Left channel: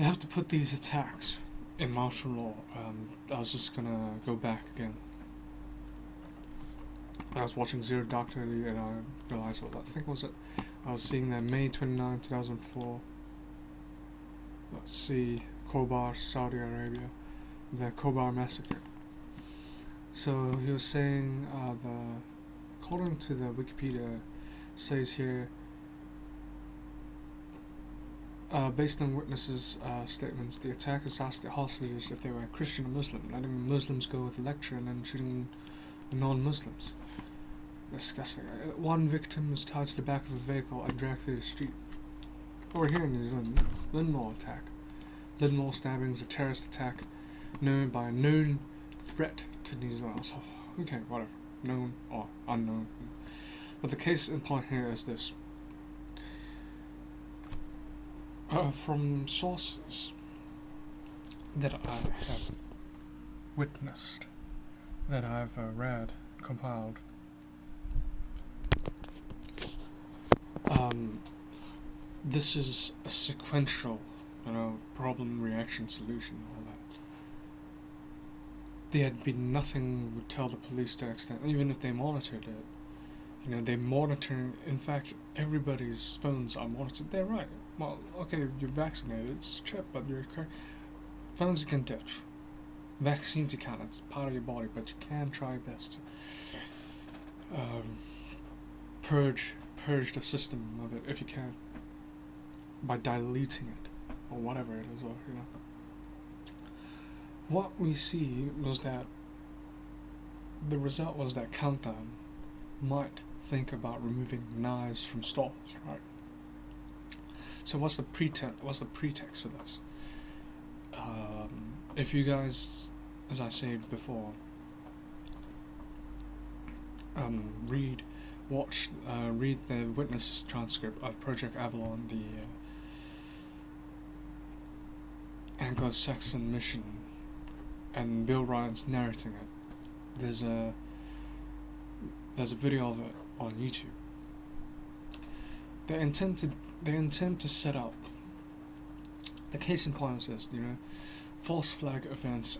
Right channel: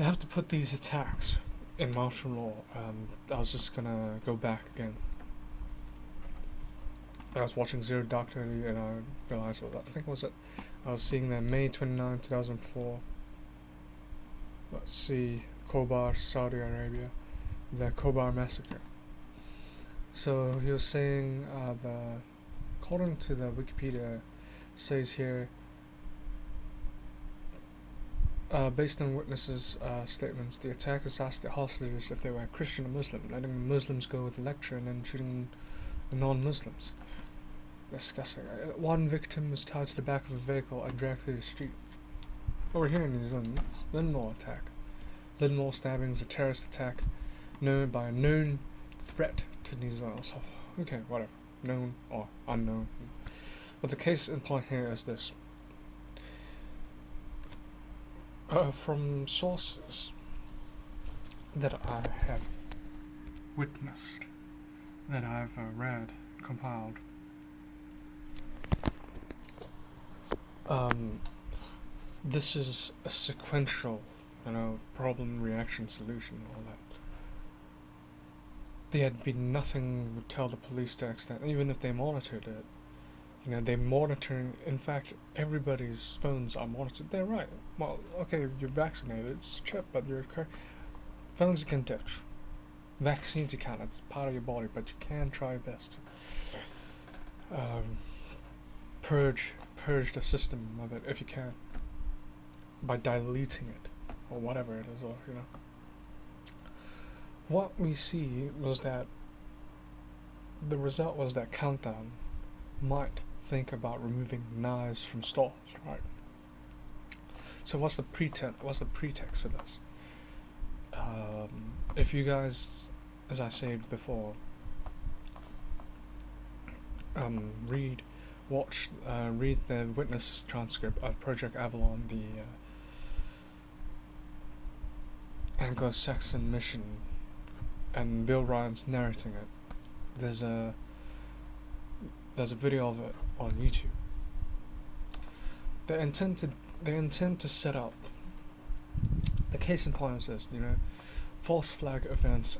They have to put these attacks in martial law. I was just gonna go back again. I was watching Zero Dark Thirty and I realized what I think was it. I was seeing that May 29, 2004. Let's see, Khobar, Saudi Arabia, the Khobar massacre. So he was saying according to the Wikipedia, says here, based on witnesses' statements, the attackers asked the hostages if they were Christian or Muslim, letting Muslims go with the lecture and then shooting the non-Muslims. Disgusting. One victim was tied to the back of a vehicle and dragged through the street. Over here in New Zealand, Linmore attack. Linmore stabbing is a terrorist attack known by a known threat to New Zealand. So, okay, whatever. Known or unknown. But the case in point here is this. From sources that I have witnessed, that I've read, compiled, this is a sequential, problem, reaction, solution, all that. There had been nothing would tell the police to extent, even if they monitored it. They're monitoring, in fact, everybody's phones are monitored. They're right. Well, okay, you're vaccinated, it's a chip, but phones you can touch. Vaccines you can't, it's part of your body, but you can try your best to purge the system of it if you can, by diluting it, or whatever it is, or, What we see was that the result was that Countdown might think about removing knives from stores, right? So what's the pretext for this? If you guys, as I said before, read the witnesses transcript of Project Avalon, the Anglo-Saxon mission, and Bill Ryan's narrating it. There's a video of it on YouTube. They intend to set up. The case in point is this, false flag events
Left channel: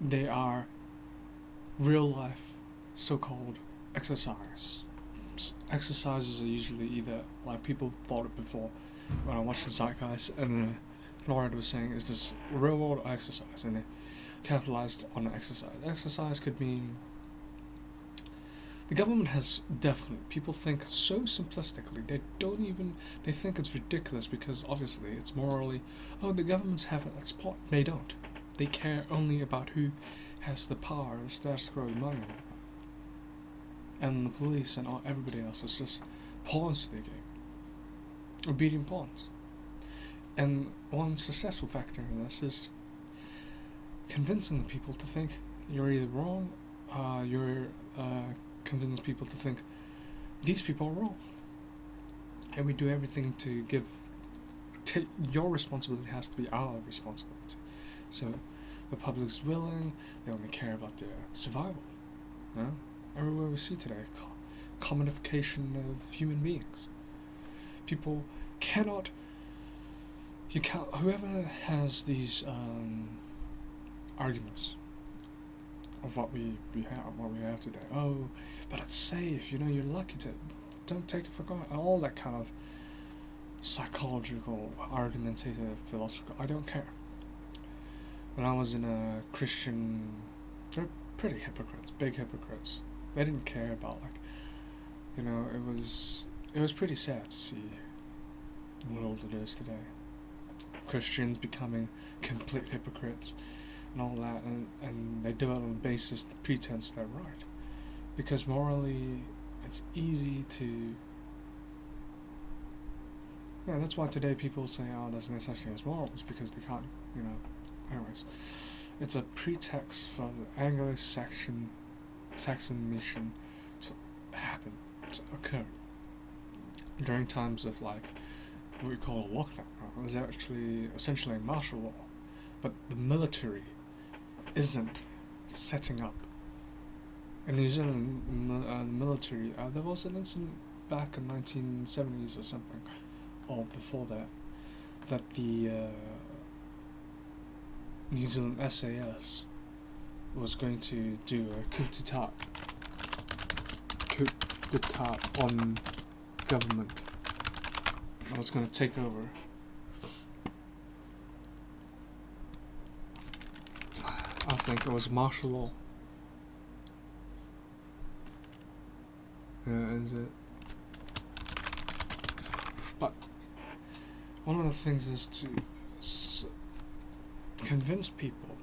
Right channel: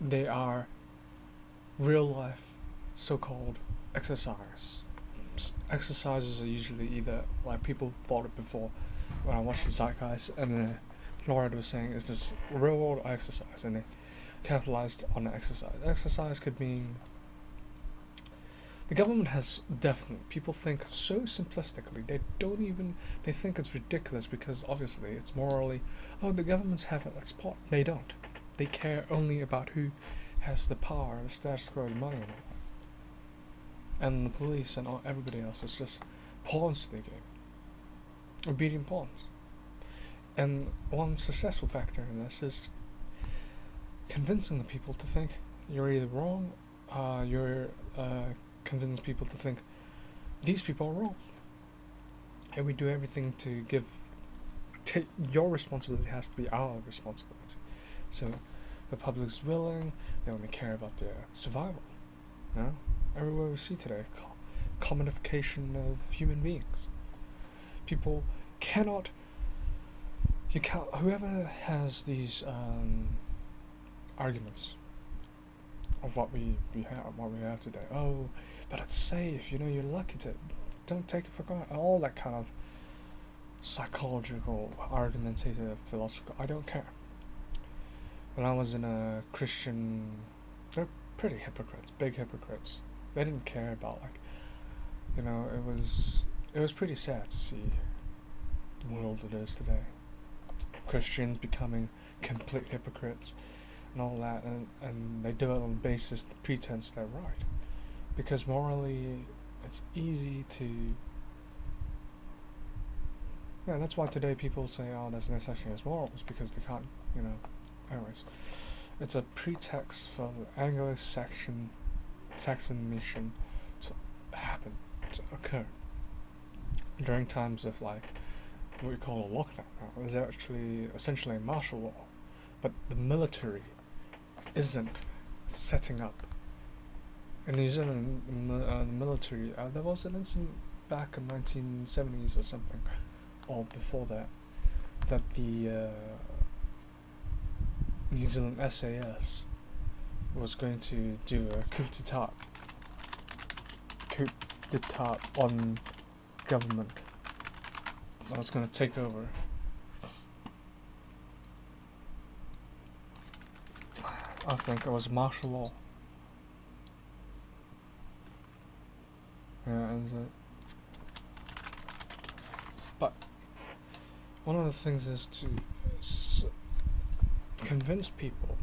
they are real life so-called exercises. Exercises are usually either, like people thought it before when I watched the Zeitgeist, and Laura was saying, is this real world exercise? And they capitalized on the exercise. Exercise could mean the government has definitely, people think so simplistically, they think it's ridiculous because obviously it's morally, the governments have a spot. They don't. They care only about who has the power, the status quo, the money. And the police and everybody else is just pawns to the game. Obedient pawns. And one successful factor in this is convincing the people to think you're either wrong, convince people to think these people are wrong, and we do everything to take your responsibility has to be our responsibility. So the public's willing, they only care about their survival. Everywhere we see today, commodification of human beings. People cannot. Whoever has these arguments of what we have today. Oh, but it's safe. You're lucky to. Don't take it for granted. All that kind of psychological, argumentative, philosophical. I don't care. When I was in a Christian, they're pretty hypocrites, big hypocrites. They didn't care about it was pretty sad to see the world it is today. Christians becoming complete hypocrites and all that, and they do it on the basis, the pretense they're right. Because morally, it's easy to. That's why today people say, there's no such thing as morals, because they can't, Anyways, it's a pretext for the Anglo-Saxon mission to happen, to occur during times of what we call a lockdown. It was actually essentially martial law, but the military isn't setting up. In New Zealand, the military, there was an incident back in 1970s or something, or before that, that the New Zealand SAS was going to do a coup d'etat on government. I was going to take over. I think it was martial law. Yeah, is it? But one of the things is to convince people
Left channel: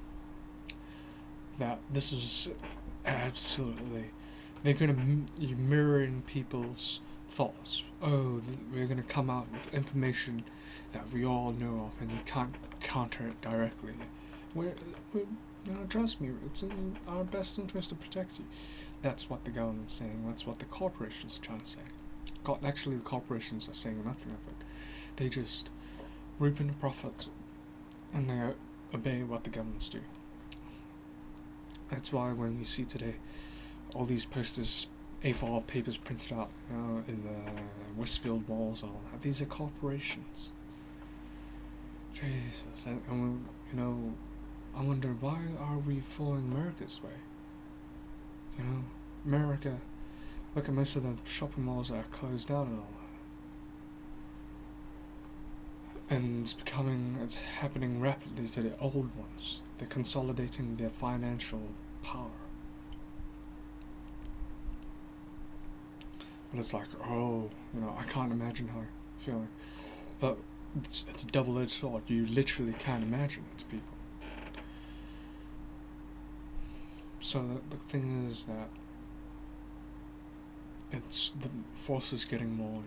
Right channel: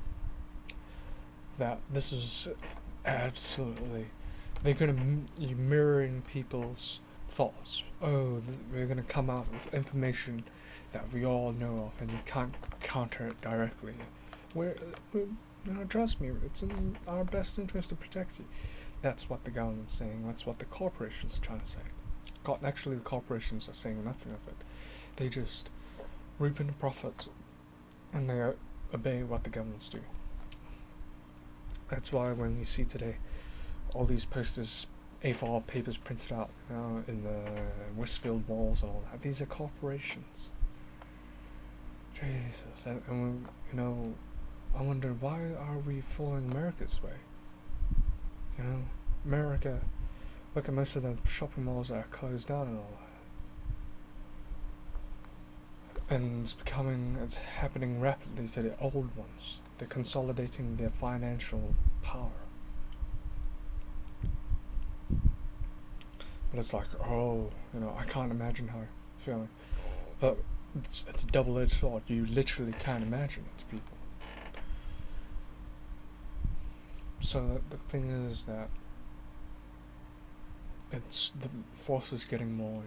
that this is absolutely, they're going to mirroring people's thoughts. Oh, we're going to come out with information that we all know of, and you can't counter it directly. Trust me, it's in our best interest to protect you. That's what the government's saying. That's what the corporations are trying to say. Actually, the corporations are saying nothing of it. They just reap in the profit, and they obey what the governments do. That's why when you see today all these posters, A4 papers printed out, in the Westfield malls and all that, these are corporations. Jesus, and I wonder, why are we following America's way? America, look at most of the shopping malls that are closed down and all that. And it's happening rapidly to the old ones. They're consolidating their financial power. But it's like, I can't imagine how you're feeling. But it's a double-edged sword. You literally can't imagine it to people. So the thing is that it's the force is getting more,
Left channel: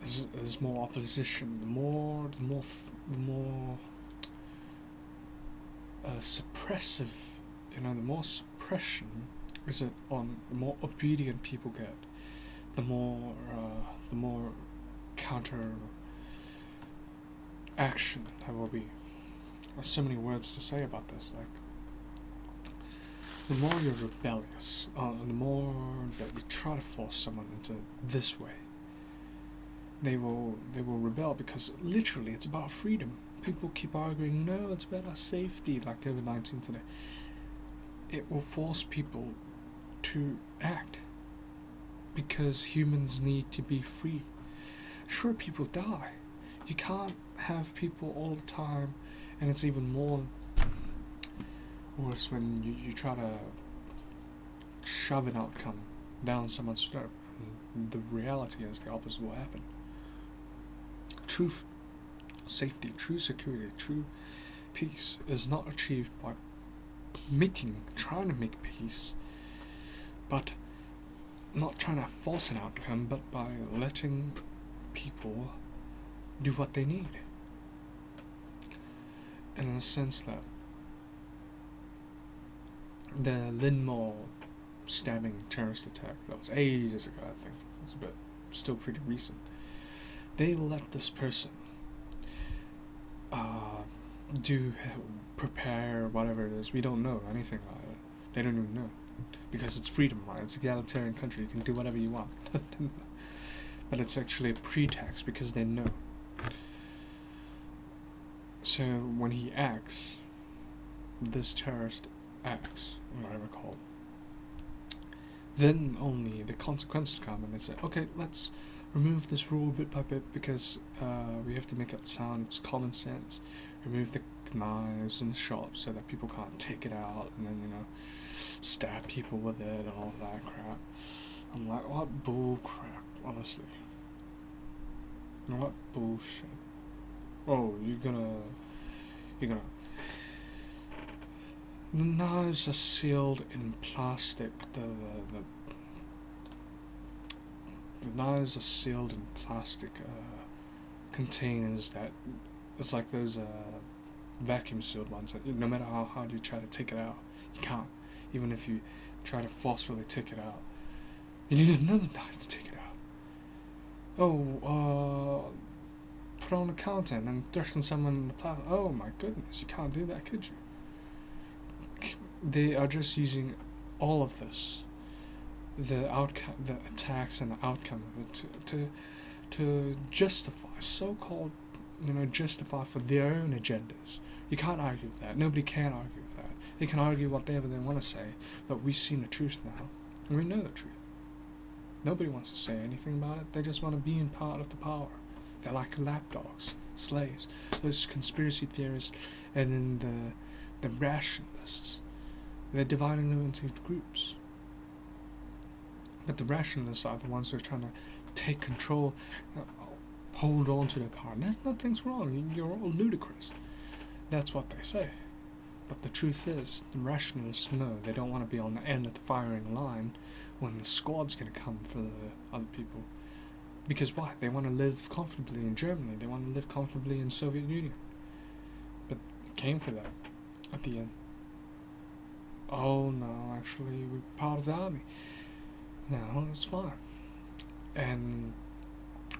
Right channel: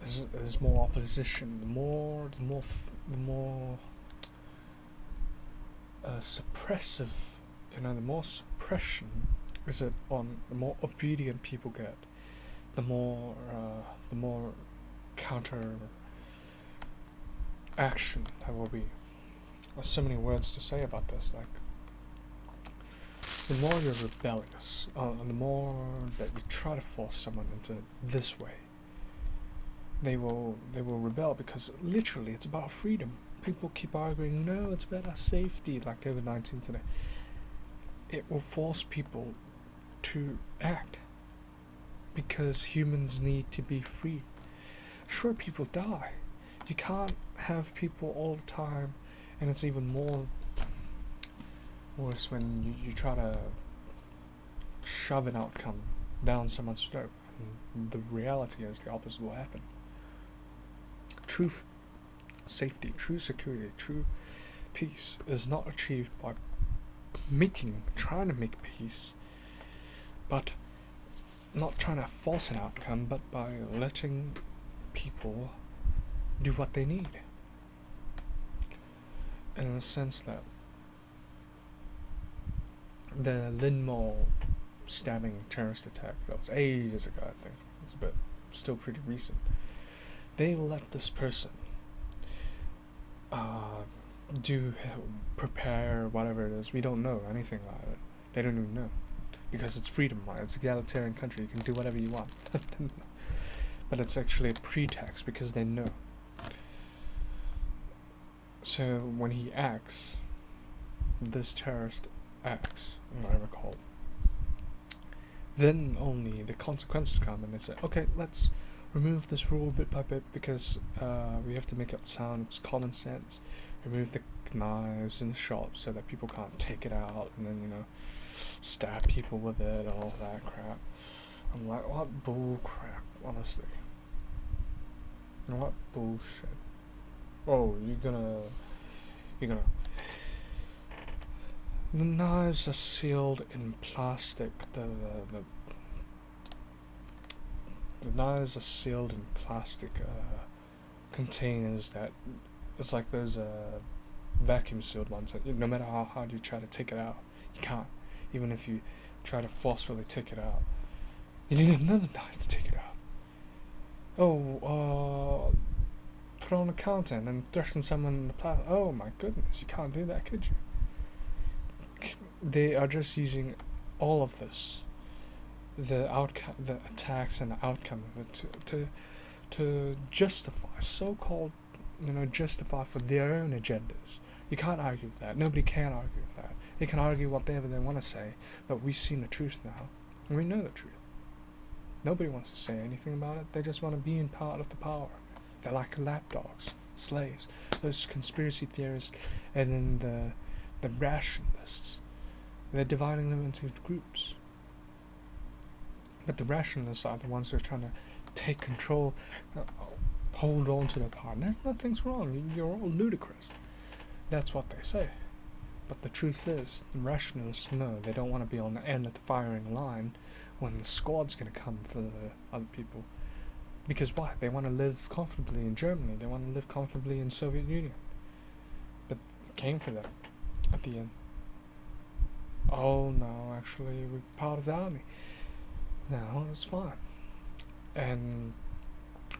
there's more opposition. The more suppressive, the more suppression is it on, the more obedient people get, the more counter action there will be. There's so many words to say about this. Like, the more you're rebellious, the more that you try to force someone into this way, they will rebel, because literally it's about freedom. People keep arguing, no, it's about our safety, like COVID-19 today. It will force people to act, because humans need to be free. Sure, people die. You can't have people all the time, and it's even more worse when you try to shove an outcome down someone's throat. The reality is the opposite will happen. True safety, true security, true peace is not achieved by trying to make peace, but not trying to force an outcome, but by letting people do what they need. And in a sense that the Linmore stabbing terrorist attack, that was ages ago, I think, but still pretty recent, they let this person prepare whatever it is. We don't know anything about it. They don't even know, because it's freedom, right? It's an egalitarian country. You can do whatever you want. But it's actually a pretext, because they know. So when he acts, this terrorist acts, whatever called, then only the consequences come, and they say, okay, let's remove this rule bit by bit, because we have to make it sound, it's common sense. Remove the knives in the shop so that people can't take it out and then, stab people with it and all that crap. I'm like, what bull crap, honestly. What bullshit. Oh, you're gonna the knives are sealed in plastic. The knives are sealed in plastic containers that, it's like those vacuum sealed ones that no matter how hard you try to take it out, you can't. Even if you try to forcefully take it out, you need another knife to take it out. Oh, put on a counter and then threaten someone in the plastic. Oh my goodness, you can't do that, could you? They are just using all of this, the attacks and the outcome of it, to justify, so-called, justify for their own agendas. You can't argue with that. Nobody can argue with that. They can argue whatever they want to say, but we've seen the truth now, and we know the truth. Nobody wants to say anything about it. They just want to be in part of the power. They're like lapdogs, slaves. Those conspiracy theorists, and then the rationalists. They're dividing them into groups. But the rationalists are the ones who are trying to take control, hold on to the power. Nothing's wrong. You're all ludicrous. That's what they say. But the truth is, the rationalists know they don't want to be on the end of the firing line when the squad's going to come for the other people. Because why? They want to live comfortably in Germany. They want to live comfortably in the Soviet Union. But it came for them at the end. Oh no, actually we're part of the army. No, it's fine. And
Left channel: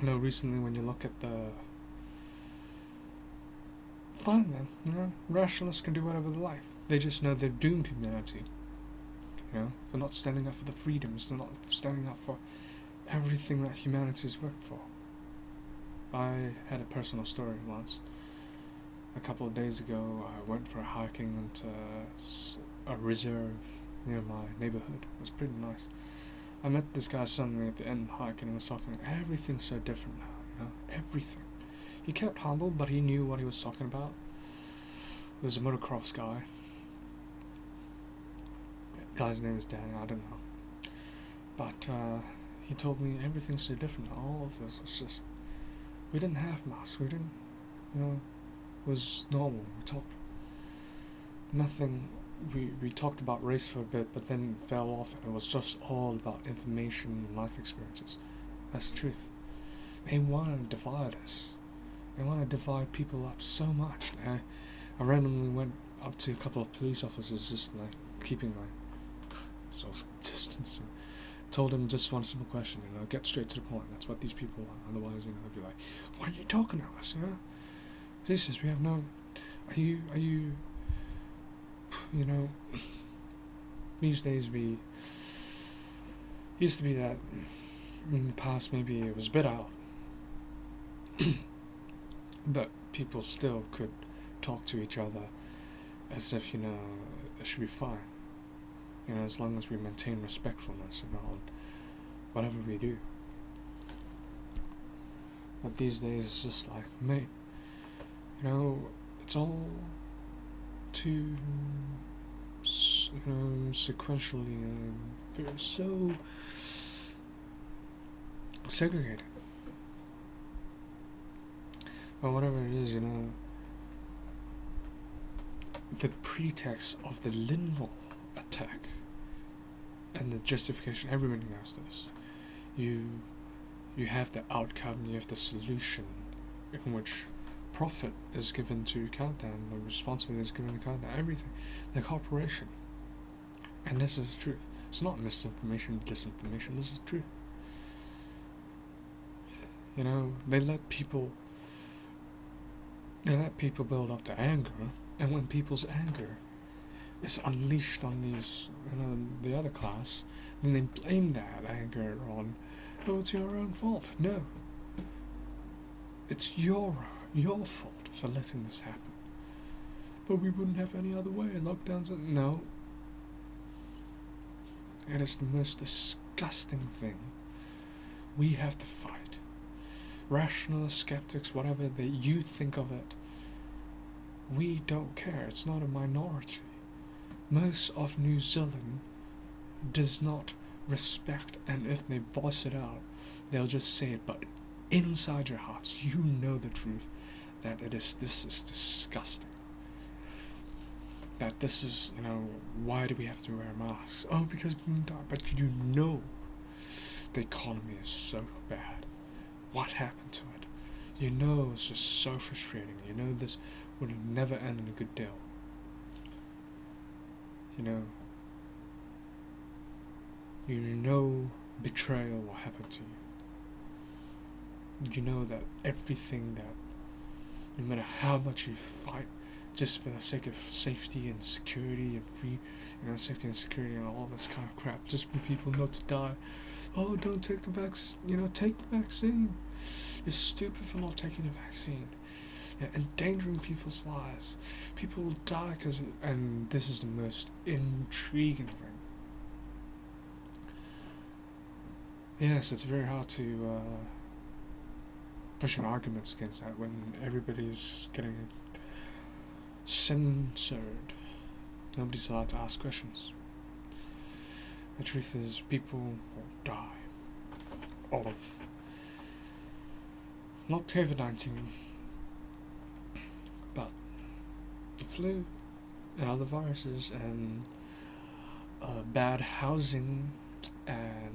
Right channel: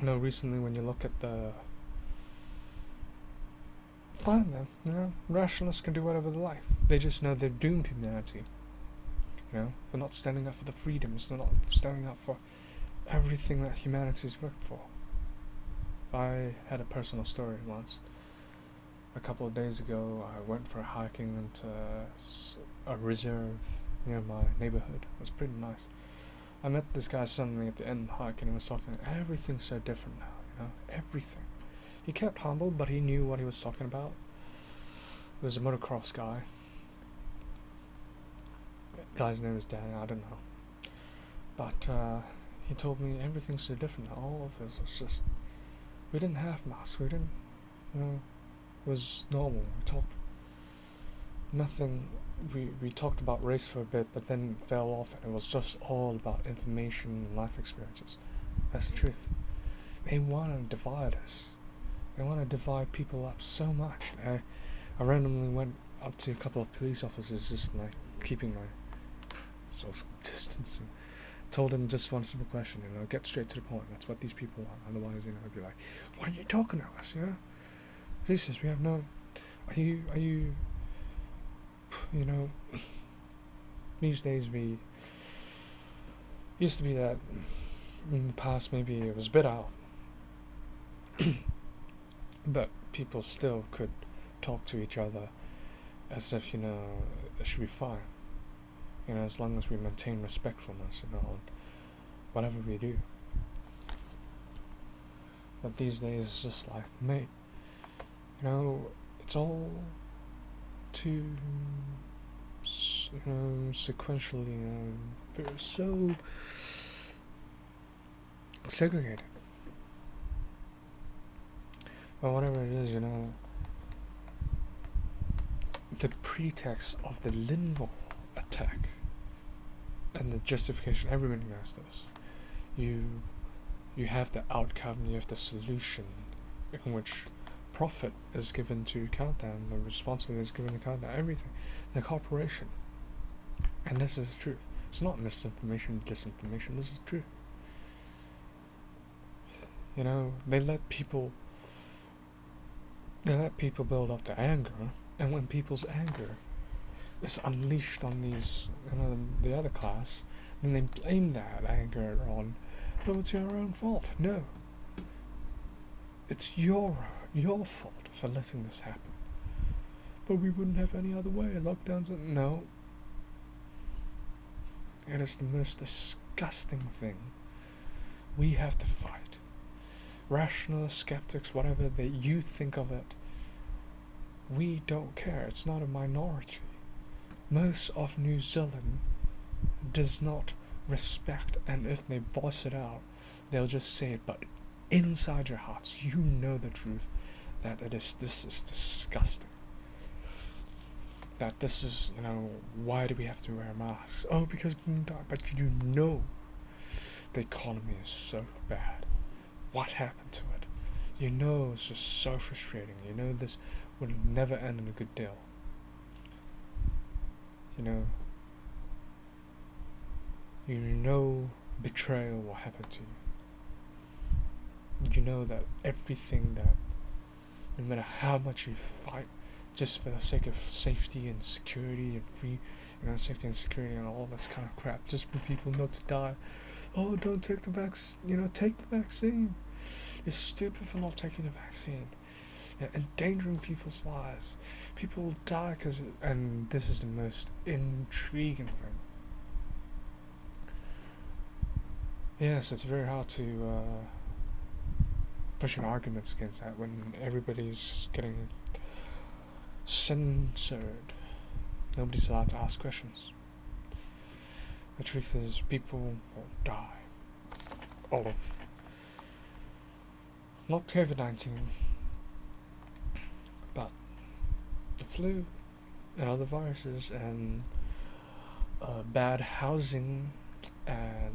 recently when you look at the fine man, rationalists can do whatever they like. They just know they've doomed humanity. They're not standing up for the freedoms. They're not standing up for everything that humanity's worked for. I had a personal story once. A couple of days ago, I went for hiking into a reserve near my neighborhood. It was pretty nice. I met this guy suddenly at the end hiking. He was talking, everything's so different now, everything. He kept humble, but he knew what he was talking about. He was a motocross guy. The guy's name is Dan, I don't know. But he told me everything's so different. All of this was just, we didn't have masks. We didn't, it was normal. We talked nothing. We talked about race for a bit, but then it fell off, and it was just all about information and life experiences. That's the truth. They want to divide us. They want to divide people up so much. I randomly went up to a couple of police officers, just like keeping my social distancing. Told them just one simple question, get straight to the point. That's what these people want. Otherwise, they'd be like, "Why are you talking to us?" Jesus, we have no. Are you? These days we used to be that. In the past, maybe it was a bit out, but people still could talk to each other as if it should be fine. As long as we maintain respectfulness, on whatever we do. But these days, it's just like, mate, it's all too, sequentially, so segregated. Well, whatever it is, the pretext of the Lindell attack and the justification, everybody knows this. You have the outcome, you have the solution, in which profit is given to Countdown, the responsibility is given to Countdown, everything, the corporation. And this is the truth. It's not misinformation, disinformation, this is the truth. They let people build up the anger, and when people's anger is unleashed on these, the other class, then they blame that anger on, it's your own fault. No. It's your fault for letting this happen. But we wouldn't have any other way. Lockdowns, no. And it's the most disgusting thing. We have to fight. Rationalists, skeptics, whatever you think of it, we don't care. It's not a minority. Most of New Zealand does not respect, and if they voice it out, they'll just say it, but inside your hearts, you know the truth, that this is disgusting. That this is, why do we have to wear masks? Oh, because we can die. But the economy is so bad. What happened to it? It's just so frustrating. This would never end in a good deal. Betrayal will happen to you. That everything that, no matter how much you fight, just for the sake of safety and security and free, safety and security and all this kind of crap, just for people not to die, Oh, don't take the vaccine. Take the vaccine. You're stupid for not taking the vaccine. You're endangering people's lives. People will die and this is the most intriguing thing. Yes, it's very hard to push an argument against that when everybody's just getting censored. Nobody's allowed to ask questions. The truth is, people will die. All of not COVID-19, but the flu and other viruses and bad housing and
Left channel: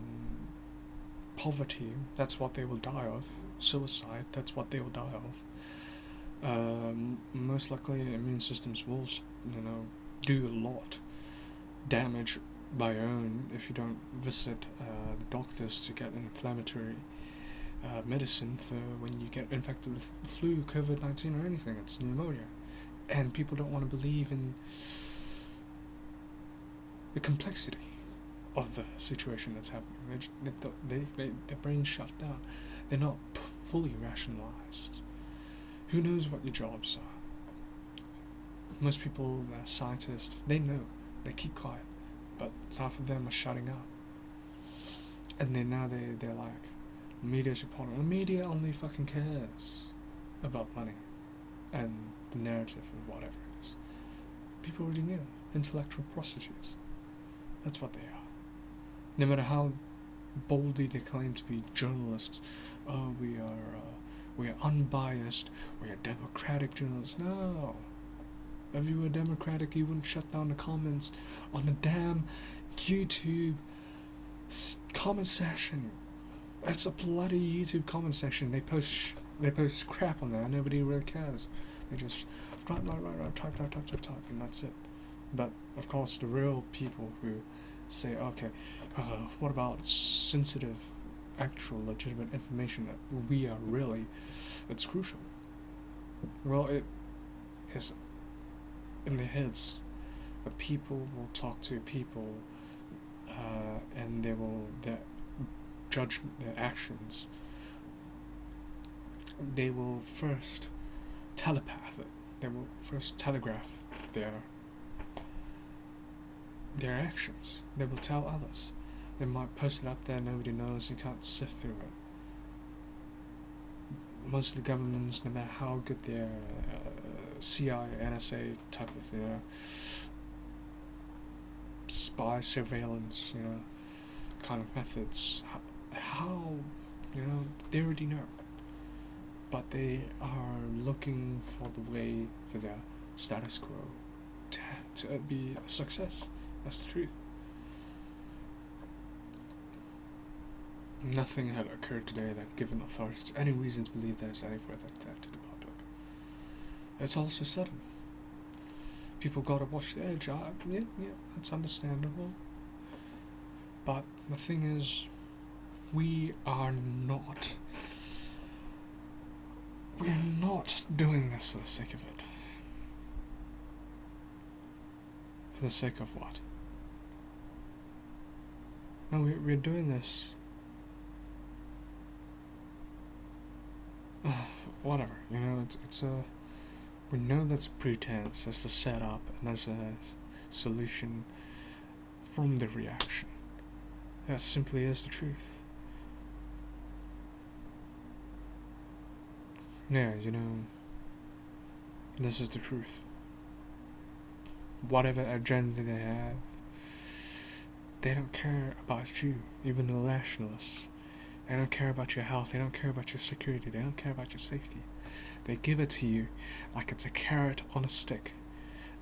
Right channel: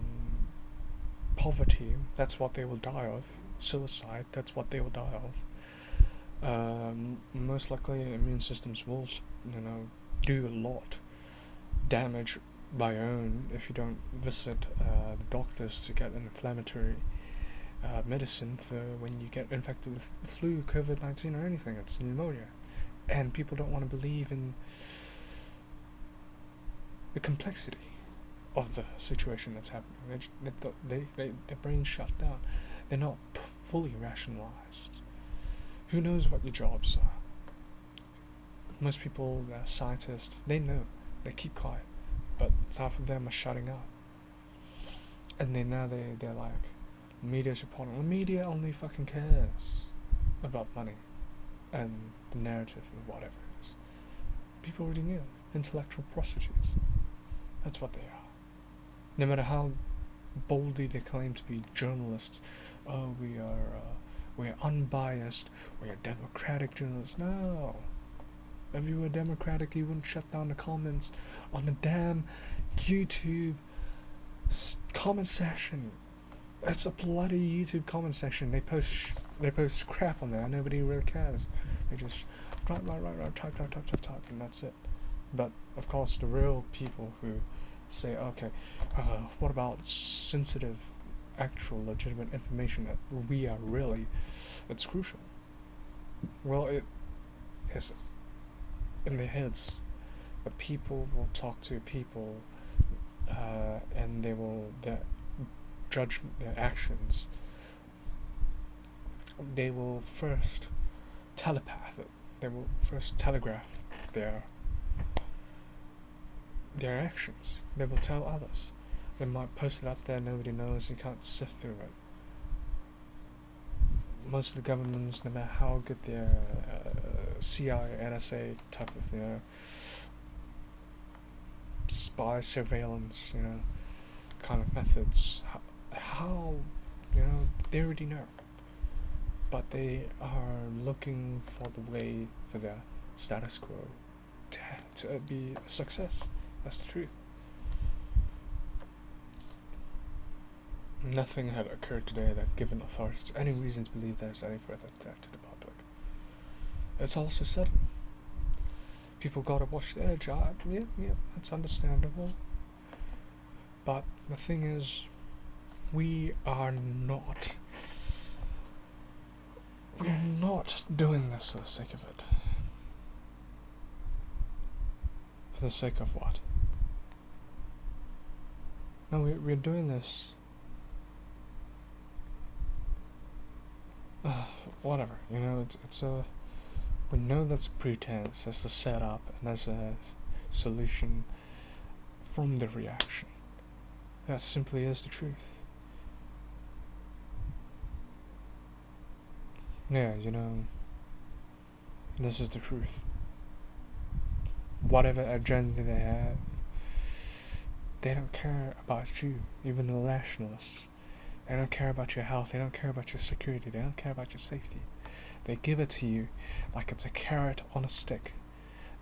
poverty. That's what they will die of. Suicide. That's what they will die of. Most likely, immune systems will, do a lot damage by your own if you don't visit the doctors to get an inflammatory medicine for when you get infected with the flu, COVID-19, or anything. It's pneumonia, and people don't want to believe in the complexity of the situation that's happening. Their brains shut down. They're not fully rationalized. Who knows what your jobs are? Most people that are scientists, they know. They keep quiet, but half of them are shutting up. And then now they're like, media's reporting. The media only fucking cares about money and the narrative of whatever it is. People already knew. Intellectual prostitutes. That's what they are. No matter how boldly they claim to be journalists, oh, we are unbiased, we are democratic journalists. No. If you were democratic, you wouldn't shut down the comments on the damn YouTube comment section. It's a bloody YouTube comment section. They post crap on there. Nobody really cares. They just type, and that's it. But of course, the real people who say, okay, what about sensitive, actual, legitimate information that we are really, it's crucial. Well, it is in their heads. The people will talk to people, and they will judge their actions. They will first telepath it. They will first telegraph their actions. They will tell others. They might post it up there, nobody knows, you can't sift through it. Most of the governments, no matter how good their CIA, NSA type of, spy surveillance, kind of methods, how they already know. But they are looking for the way for their status quo to be a success. That's the truth. Nothing had occurred today that given authorities any reason to believe there is any further threat to the public. It's also sudden. People gotta watch their job. Yeah, it's understandable. But the thing is, we're not doing this for the sake of it. For the sake of what? No, we're doing this. Whatever, it's a. We know that's a pretense, that's the setup, and that's a solution from the reaction. That simply is the truth. Yeah, this is the truth. Whatever agenda they have, they don't care about you, even the nationalists. They don't care about your health, they don't care about your security, they don't care about your safety. They give it to you like it's a carrot on a stick.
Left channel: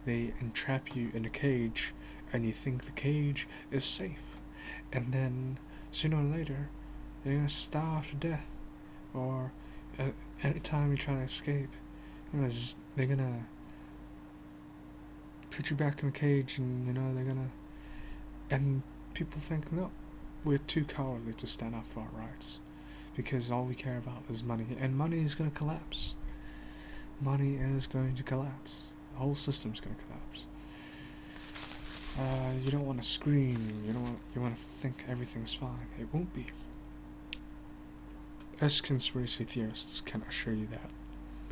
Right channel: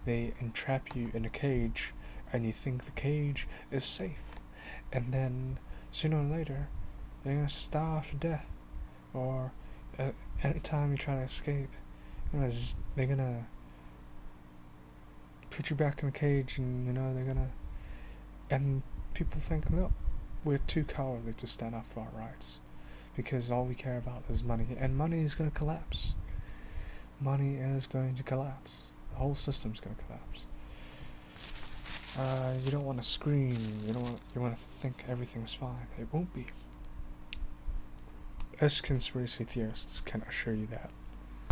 They entrap you in a cage, and you think the cage is safe. And then, sooner or later, you're going to starve to death. Or, anytime you try to escape, they're going to put you back in the cage, and, they're going to... And people think, no, we're too cowardly to stand up for our rights. Because all we care about is money. And money is going to collapse. Money is going to collapse. The whole system's going to collapse. You don't want to scream. You want to think everything's fine. It won't be. Us conspiracy theorists can assure you that.